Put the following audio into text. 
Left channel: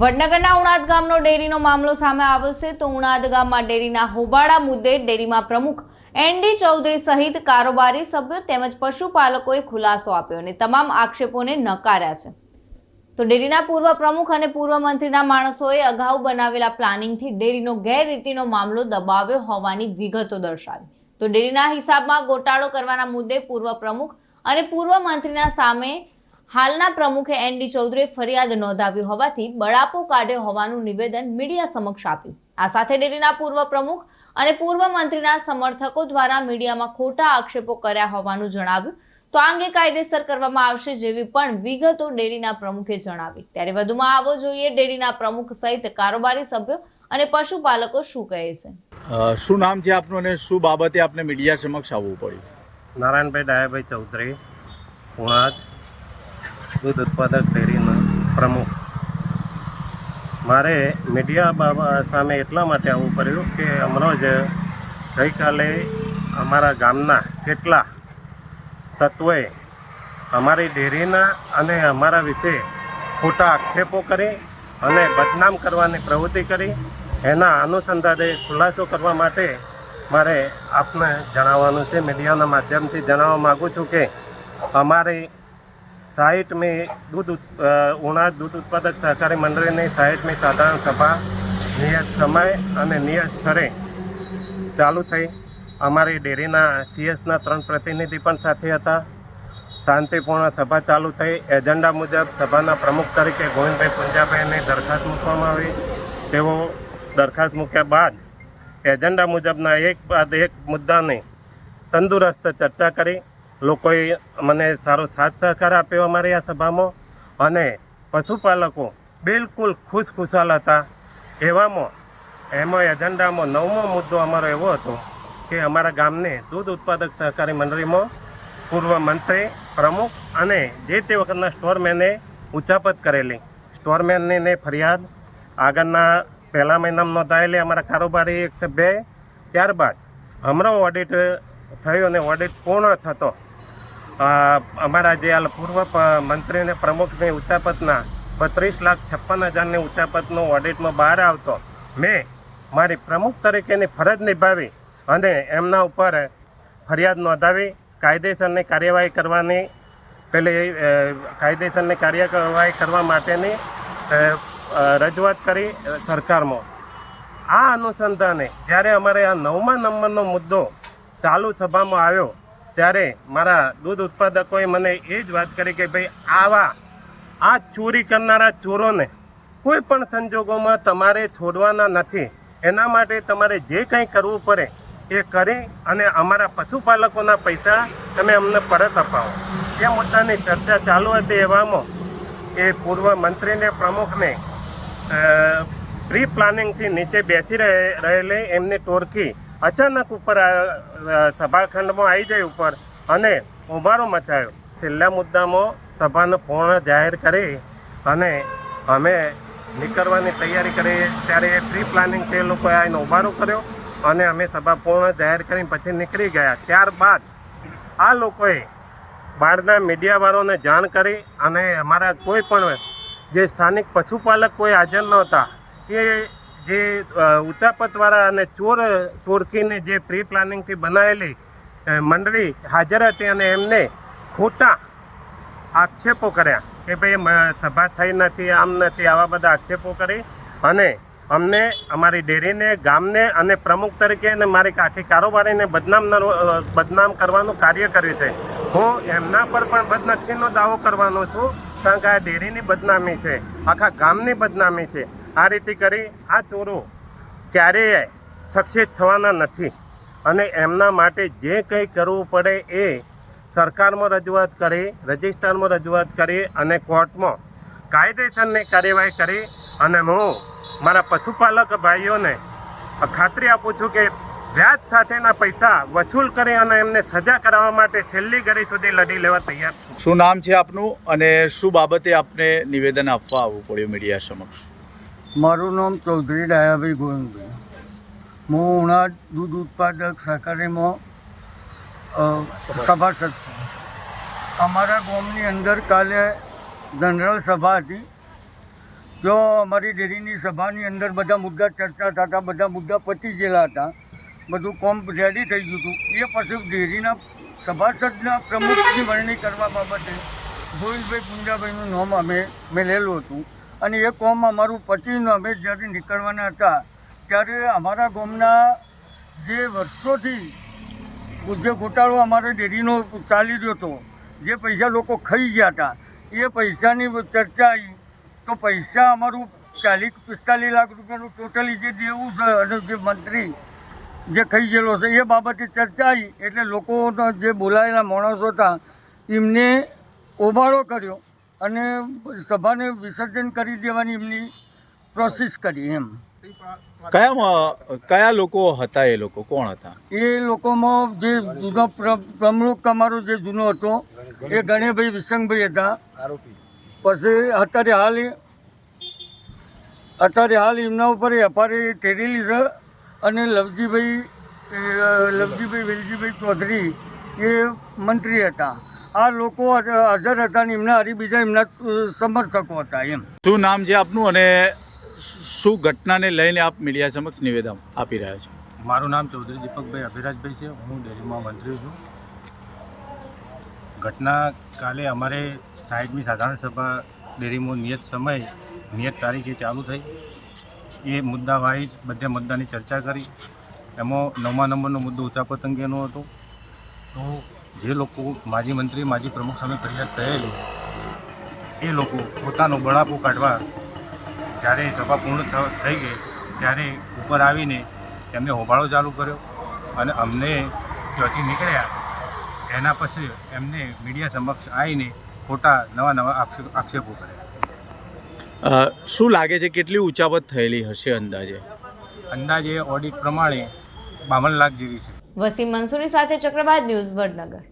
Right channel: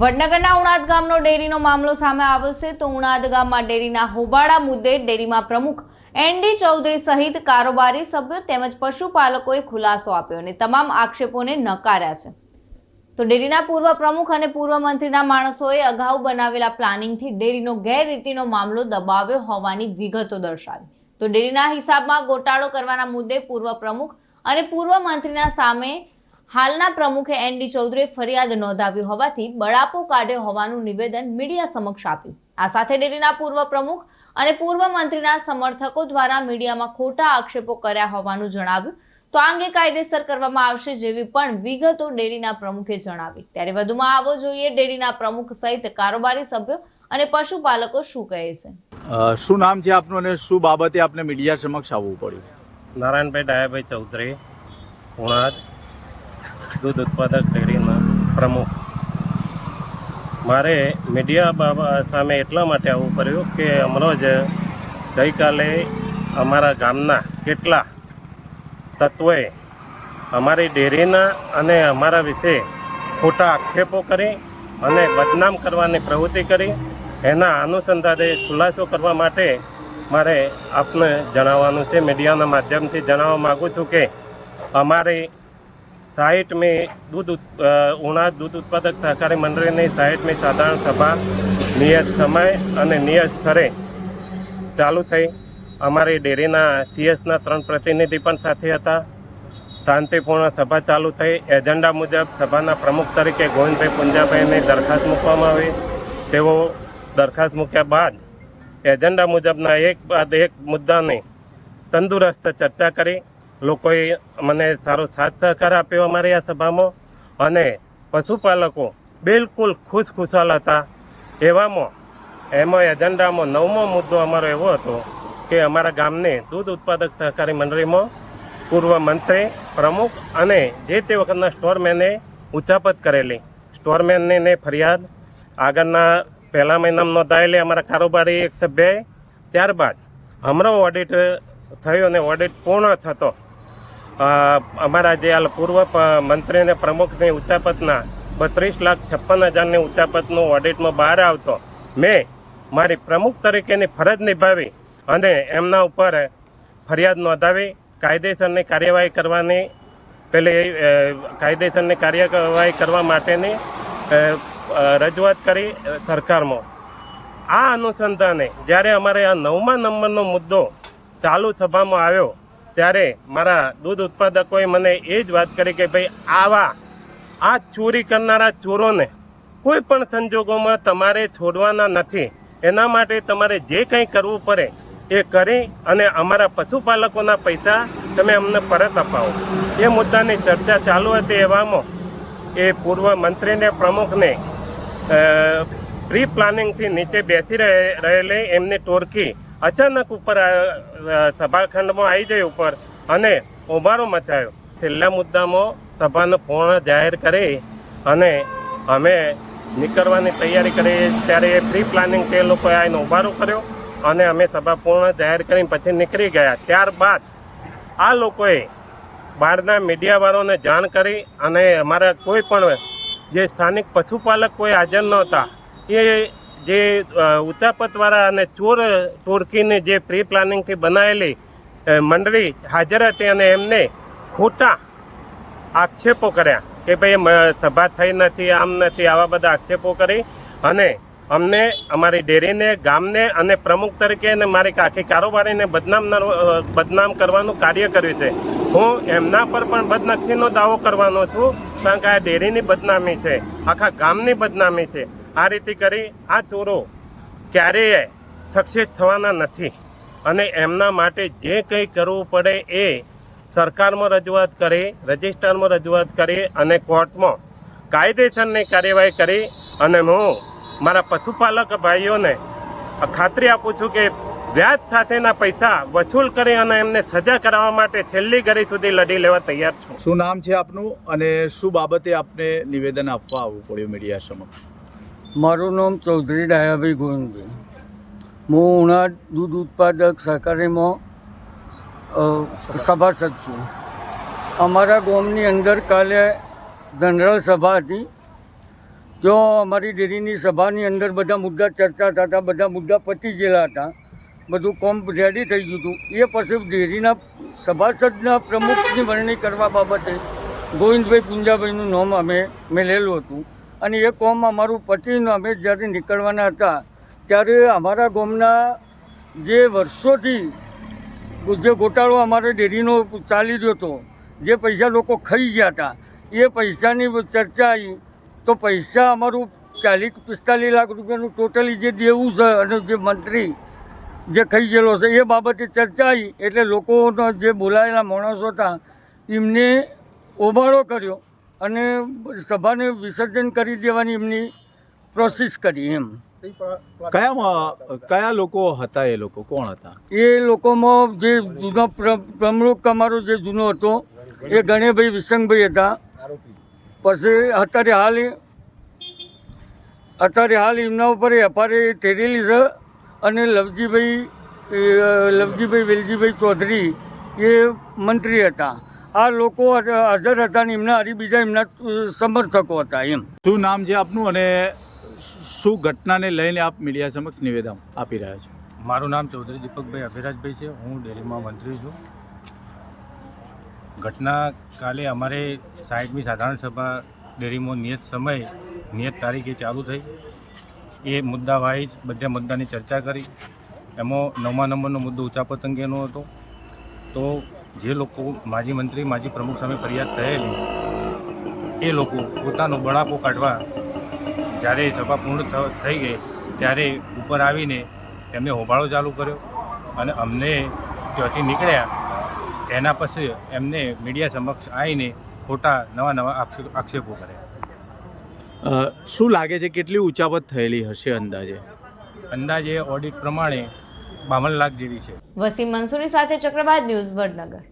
વડનગરના ઉણાદ ગામનો ડેરીનો મામલો સામે આવ્યો છે તો ઉણાદ ગામમાં ડેરીના હોબાળા મુદ્દે ડેરીમાં પ્રમુખ એનડી ચૌધરી સહિત કારોબારી સભ્યો તેમજ પશુપાલકોએ ખુલાસો આપ્યો અને તમામ આક્ષેપોને નકાર્યા છે. તો ડેરીના પૂર્વ પ્રમુખ અને પૂર્વ મંત્રીના માણસોએ અગાઉ બનાવેલા પ્લાનિંગથી ડેરીનો ગેરરીતિનો મામલો દબાવ્યો હોવાની વિગતો દર્શાવી. તો ડેરીના હિસાબમાં ગોટાળો કરવાના મુદ્દે પૂર્વ પ્રમુખ અને પૂર્વ મંત્રીના સામે હાલના પ્રમુખે એનડી ચૌધરીએ ફરિયાદ નોંધાવી હોવાથી બળાપો કાઢ્યો હોવાનું નિવેદન મીડિયા સમક્ષ આપ્યું. આ સાથે ડેરીના પૂર્વ પ્રમુખ અને પૂર્વ મંત્રીના સમર્થકો દ્વારા મીડિયામાં ખોટા આક્ષેપો કર્યા હોવાનું જણાવ્યું. તો આ અંગે કાયદેસર કરવામાં આવશે જેવી પણ વિગતો ડેરીના પ્રમુખે જણાવી. ત્યારે વધુમાં આવો જોઈએ ડેરીના પ્રમુખ સહિત કારોબારી સભ્યો અને પશુપાલકો શું કહે છે. શું નામ છે આપનું અને શું બાબતે આપને મીડિયા સમક્ષ આવવું પડ્યું? નારાયણભાઈ ડાયાભાઈ ચૌધરી ઉણાદ દૂધ ઉત્પાદક ડેરીના પ્રમુખ. મારે મીડિયા બાબા સામે એટલા માટે આવવું પડ્યું કે હમણાં જ ગઈકાલે અમારા ગામના કેટલા તત્વોએ અમારી ડેરીના અને અમારા વિશે ખોટા આક્ષેપો કરી અને બદનામ કરવાની પ્રવૃત્તિ કરી, એના અનુસંધાને ખુલાસો કરવા માટે મારે આપને જણાવવાનું છે. મીડિયાના માધ્યમથી જણાવવા માગું છું કે અમારી સાહીઠમી દૂધ दूध ઉણા દૂધ ઉત્પાદક સહકારી મંડળીની સાહીઠમી સાધારણ સભા નિયત સમય અને નિયત સ્તરે ચાલુ થઈ. અમારી ડેરીના સીએસના ત્રણ પ્રતિનિધિ પણ સાથે હતા. શાંતિપૂર્ણ સભા ચાલુ થઈ. એજન્ડા મુજબ સભાના પ્રમુખ તરીકે ગોવિંદભાઈ પુંજાભાઈની દરખાસ્ત મૂકવામાં આવી. તેઓ દરખાસ્ત મૂક્યા બાદ એજન્ડા મુજબના એક બાદ એક મુદ્દાની તંદુરસ્ત ચર્ચા કરી. લોકોએ મને સારો સાથ સહકાર આપ્યો અમારી આ સભામાં. અને પશુપાલકો બિલકુલ ખુશ ખુશાલ હતા. એવામાં, એમાં એજન્ડામાં નવમો મુદ્દો અમારો એવો હતો કે અમારા ગામને દૂધ ઉત્પાદક સહકારી મંડળીમાં પૂર્વ મંત્રી, પ્રમુખ અને જે તે વખતના સ્ટોરમેને ઉચ્ચાપત કરેલી. સ્ટોરમેનની ફરિયાદ આગળના પહેલા મહિનામાં નોંધાયેલી અમારા કારોબારી એક સભ્યએ. ત્યારબાદ હમણાં ઓડિટ થયો અને ઓડિટ પૂર્ણ થતો અમારા જે હાલ પૂર્વ મંત્રીને પ્રમુખની ઉચાપતના બત્રીસ લાખ છપ્પન હજારની ઉચાપતનો ઓડિટમાં બહાર આવતો. મેં મારી પ્રમુખ તરીકેની ફરજ નિભાવી અને એમના ઉપર ફરિયાદ નોંધાવી, કાયદેસરની કાર્યવાહી કરવાની, પેલી કાયદેસરની કાર્યવાહી કરવા માટેની રજૂઆત કરી સરકારમાં. આ અનુસંધાને જ્યારે અમારે આ નવમા નંબરનો મુદ્દો ચાલુ સભામાં આવ્યો ત્યારે મારા દૂધ ઉત્પાદકોએ મને એ જ વાત કરી કે ભાઈ, આવા, આ ચોરી કરનારા ચોરોને કોઈ પણ સંજોગોમાં તમારે છોડવાના નથી. એના માટે તમારે જે કંઈ કરવું પડે એ કરી અને અમારા પશુપાલકોના પૈસા તમે અમને પરત અપાવો. એ મુદ્દાની ચર્ચા ચાલુ હતી એવામાં એ પૂર્વ મંત્રીને, પ્રમુખને પ્રી પ્લાનિંગથી નીચે બેસી રહે- રહેલી એમની ટોળકી અચાનક ઉપર સભાખંડમાં આવી જઈ ઉપર અને ઉભારો મચાયો. છેલ્લા મુદ્દામાં સભાનો પૂર્ણ જાહેર કરી અને અમે નીકળવાની તૈયારી કરી. ત્યારે એ પ્રી પ્લાનિંગ તે લોકોએ આવીને ઉભારો કર્યો અને અમે સભા પૂર્ણ જાહેર કરીને પછી નીકળી ગયા. ત્યારબાદ આ લોકોએ બહારના મીડિયાવાળાને જાણ કરી અને અમારા કોઈ પણ જે સ્થાનિક પશુપાલક કોઈ હાજર નહોતા, એ જે ઉતાપતવાળા અને ચોર ટોળકીની જે પ્રી પ્લાનિંગથી બનાવેલી મંડળી હાજર હતી અને એમને ખોટા આક્ષેપો કર્યા કે ભાઈ સભા થઈ નથી, આમ નથી, આવા બધા આક્ષેપો કરી અને અમને અમારી ડેરીને, ગામને અને પ્રમુખ તરીકે અને મારી આખી કારોબારીને બદનામ બદનામ કરવાનું કાર્ય કર્યું છે. હું એમના પર પણ બદનક્ષીનો દાવો કરવાનો છું, કારણ કે આ ડેરીની બદનામી છે, આખા ગામની બદનામી છે. આ રીતે કરી આ ચોરો ક્યારેય સક્સેસ થવાના નથી. અને એમના માટે જે કંઈ કરવું પડે એ સરકારમાં રજૂઆત કરી રજિસ્ટરમાં રજૂઆત કરી અને કોર્ટમાં કાયદેસરની કાર્યવાહી કરી. અને હું મારા પશુપાલક ભાઈઓને ખાતરી આપું છું કે વ્યાજ સાથેના પૈસા વસૂલ કરી અને એમને સજા કરાવવા માટે છેલ્લી ઘડી સુધી લડી લેવા તૈયાર છું. શું નામ છે આપનું? અને શું બાબતે આપને નિવેદન આપવા આવવું પડ્યું મીડિયા સમક્ષ? મારું નામ ચૌધરી ડાયાભાઈ ગોવિંદભાઈ. હું ઉણા દૂધ ઉત્પાદક સહકારીમાં સભાસદ છું. અમારા ગામની અંદર કાલે જનરલ સભા હતી. તો અમારી ડેરીની સભાની અંદર બધા મુદ્દા ચર્ચા થતા, બધા મુદ્દા પતી ગયેલા હતા. બધું કોમ રેડી થઈ ગયું હતું. એ પછી ડેરીના સભાસદના પ્રમુખની વરણી કરવા બાબતે ગોવિંદભાઈ પુંજાભાઈનું નામ અમે મેલેલું હતું. અને એ કોમ અમારું પતિનું અમે જ્યારે નીકળવાના હતા, ત્યારે અમારા ગામના જે વર્ષોથી જે ગોટાળો અમારે ડેરીનો ચાલી રહ્યો હતો, જે પૈસા લોકો ખાઈ ગયા હતા, એ પૈસાની ચર્ચા આવી, તો પૈસા અમારું ચાલીસ પિસ્તાલીસ લાખ રૂપિયાનું ટોટલી જે દેવું છે અને જે મંત્રી જે ખાઈ ગયેલો છે, એ બાબતે ચર્ચા આવી, એટલે લોકોનો જે બોલાયેલા માણસો હતા, એમને ઓભાળો કર્યો. અને સભાને વિસર્જન કરી દેવાની એમની પ્રોસેસ કરી એમ. કયા કયા લોકો હતા એ લોકો? કોણ હતા? એ લોકોમાં જે જૂનો પ્ર- પ્રમુખ અમારો જે જૂનો હતો એ ગણેભાઈ વિસંગભાઈ હતા. પછી અત્યારે હાલ અત્યારે હાલ એમના ઉપર એફઆઈઆર થયેલી છે અને લવજીભાઈ લવજીભાઈ વેલજીભાઈ ચૌધરી એ મંત્રી હતા. આ લોકો હાજર હતા ને એમના હરી બીજા એમના સમર્થકો હતા એમ. શું નામ છે આપનું અને શું ઘટનાને લઈને આપ મીડિયા સમક્ષ નિવેદન આપી રહ્યા છો? મારું નામ ચૌધરી દીપકભાઈ અભિરાજભાઈ છે. હું ડેરીમાં મંત્રી છું. ઘટના કાલે અમારે સાહેબની સાધારણ સભા ડેરીમાં નિયત સમય નિયત તારીખે ચાલુ થઈ. એ મુદ્દા વાઇઝ બધા મુદ્દાની ચર્ચા કરી. એમાં નવમા નંબરનો મુદ્દો ઉચાપત અંગેનો હતો. તો જે લોકો માજી મંત્રી માજી પ્રમુખ સામે ફરિયાદ થયેલી એ લોકો પોતાનો બળાપો કાઢવા જ્યારે સભા પૂર્ણ થઈ ગઈ ત્યારે ઉપર આવીને એમને હોબાળો ચાલુ કર્યો અને અમને ત્યાંથી નીકળ્યા. એના પછી એમને મીડિયા સમક્ષ આવીને ખોટા નવા નવા આક્ષેપો કર્યા. શું લાગે છે કેટલી ઉચાપત થયેલી હશે અંદાજે? અંદાજે ઓડિટ પ્રમાણે બાવન લાખ જેવી છે. વસીમ મંસૂરી સાથે ચક્રવાત ન્યૂઝ વડનગર.